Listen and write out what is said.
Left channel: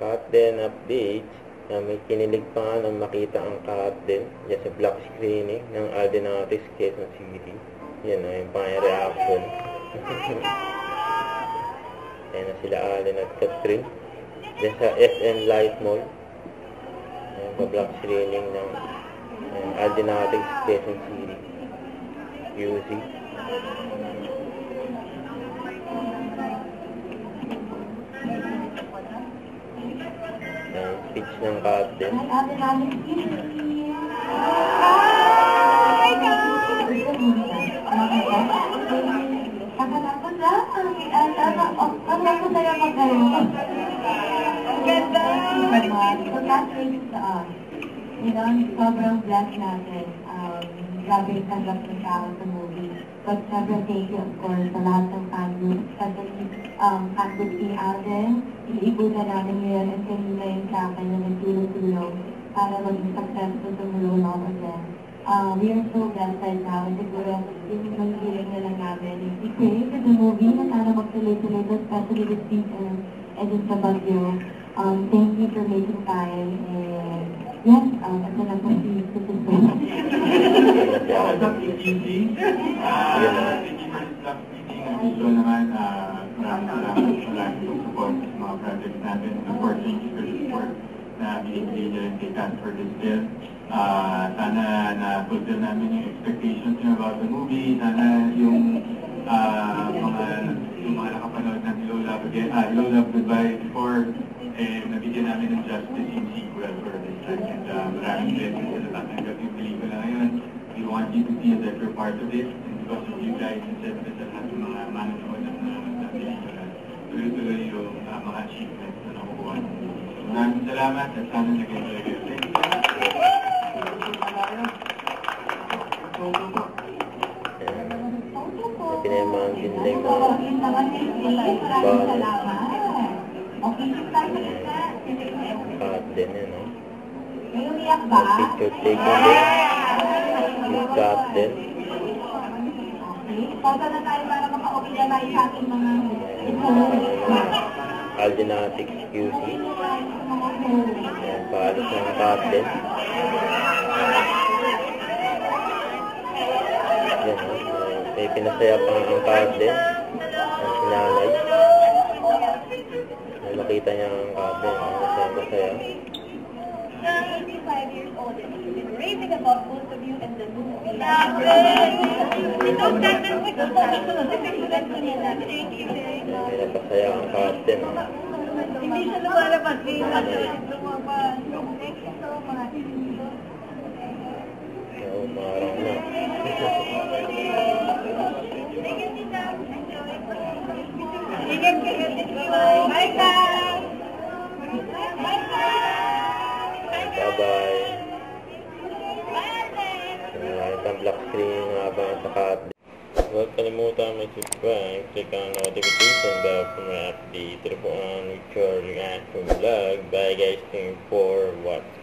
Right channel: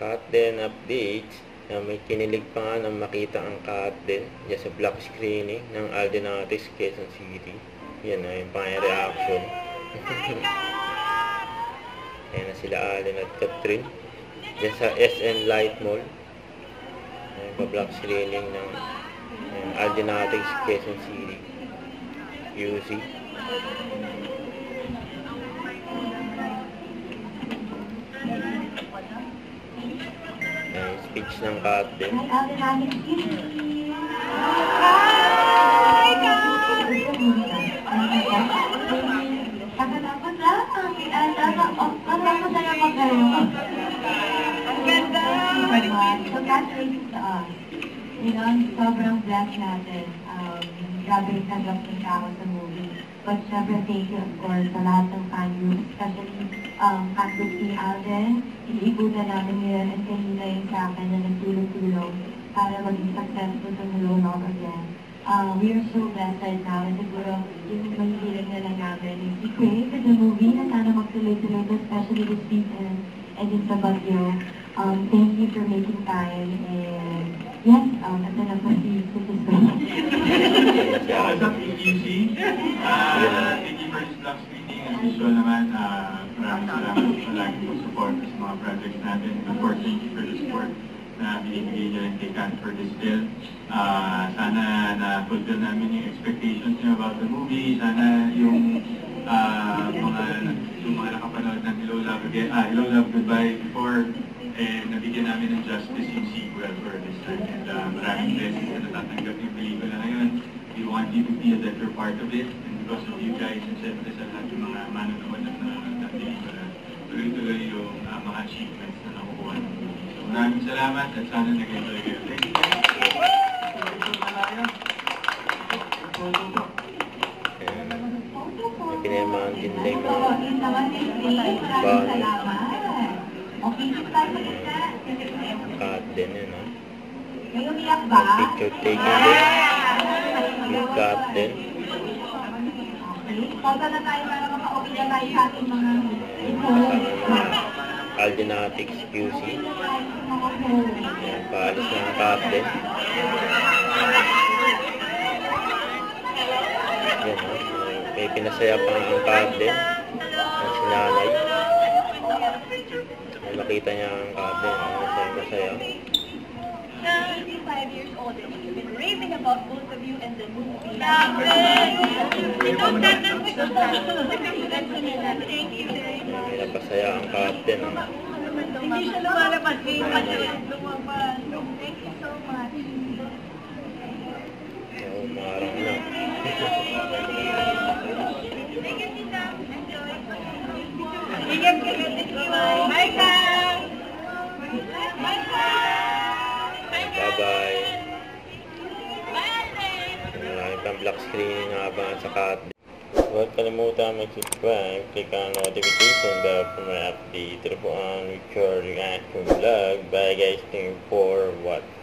Cut din updates na may kinilig pa nga nang makita ang cut din dyan sa black screening ng Alden Artis Quezon City. Yan na yung pang reaction. Ayan na sila Alden at Catherine dyan sa SM Light Mall. Ayan pa black screening ng Alden Artis Quezon City UC. Speech ng cut din. Sobrang blessed natin. Grabe yung tanggap ng tao sa movie. But syempre, thank you, of course, sa lahat ng fan groups, especially Campus ni Alden. Iniibutan namin yun and kanina yun sa akin na nagtulong-tulong para maging successful sa Mulong Love again. We are so blessed right now and siguro yung magiging na lang namin. We created the movie na sana magtuloy-tuloy, especially this season and din sa Baguio. Thank you for making time and yan, ito na po si Sister. What's up, UC? Thank you for this black screening. As usual naman, maraming salamat sa lagi mong support sa mga projects natin. And of course, thank you for the support na binibigay nyo rin kay Kat for this film. Sana na-fulfill namin yung expectations nyo about the movie. Sana yung mga nakapanood ng Hello Love Goodbye before, nabigyan namin ng justice yung sequel for this time. And maraming blessings na natatanggap yung pelikula ngayon. We want you to feel that we're part of it. And because of you guys, and syempre sa lahat yung mga manonood na pelikula, tuloy-tuloy yung mga achievements na nakukuha ng movie. So maraming salamat at sana nag-enjoy kayo. Thank you. Pinayamahan din na yung mga bagay. Cut din yun, ha? Picture taking din. Yung cut din. Alden Artis QC. Ayan, paalis na ang cut din. Yan, ha? May pinasaya pa ang cut din. Ang sinanay. Makita niya ang cut din. Masaya. Years old and she's been raving about both of you and the movie. May napasaya ang cut din. Hindi siya lumalabas. Thank you so much. Umarang na. Bye guys! Bye-bye. Maraming pang black screen na abangan sa cut. Huwag kalimutan mag-subscribe, click ang notification bell for my update. Ito po ang Richard Reaction Vlog. Bye guys, thank you for watching.